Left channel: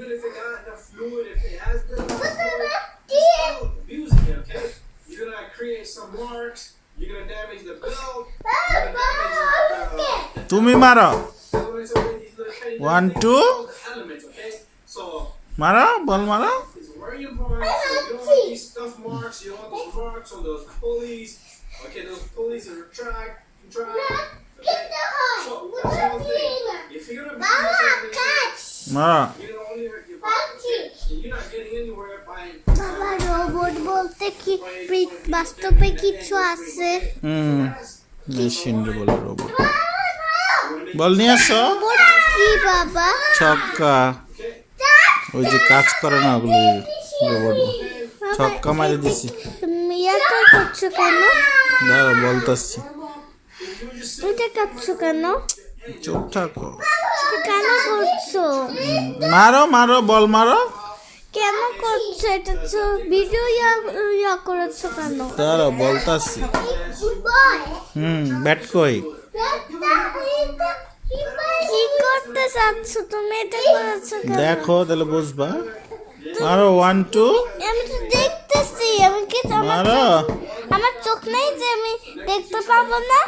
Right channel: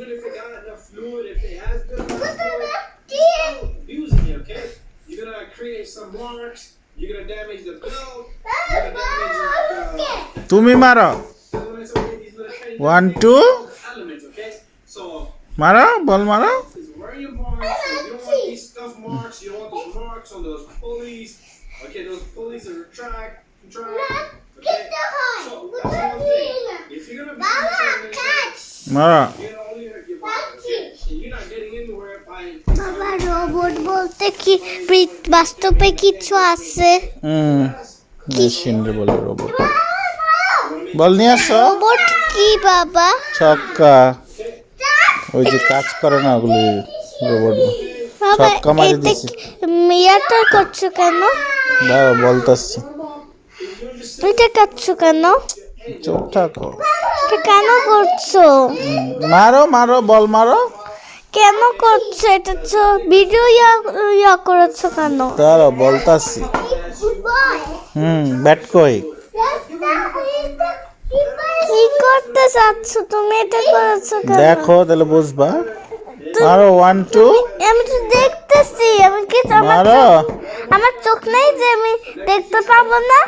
even if it got enough fluid, if it has good enough fluid, you're still abusing it, okay? You're gonna create some marks, you're gonna damage the belt, you're gonna damage তুমি মারো elements of these little tiny 1 2 elements, okay? So মারো বল মারো it's very important. So you don't want these stuff marks, you don't want those marks on those pulleys. Okay, those pulleys that retract, okay? So that's one thing. If you're gonna be মারো you're gonna only hurt your body, okay? And you're not getting anywhere by বাবা robot বলতে কি বাস্তবে কিছু আছে? Machine রে বলে robot বল নিয়ে আসো রোবট কি বাবা? ছক্কা ওই যে কাজ করে না ওগুলি রোবট ছক্কা মারি দিছি মিয়াটা করছো কেন? দাঁড়াও বলতাছি এটা করছো কেন? চুপ থাকো এটা কেন করছো? মারো মারো বল মারো কেন করছো? এটা তো ভিডিও ইয়া করেছো কেন? দাঁড়াও বলতাছি ব্যাট কই কি করতে চাচ্ছ তুমি? এটা করেছো কেন? দেখো তাহলে বুঝবা মারো 1 2 আমি তো দেখতেছি, আমি কি মারো আমার চোখ নেই যে আমি দেখতে পাবো না?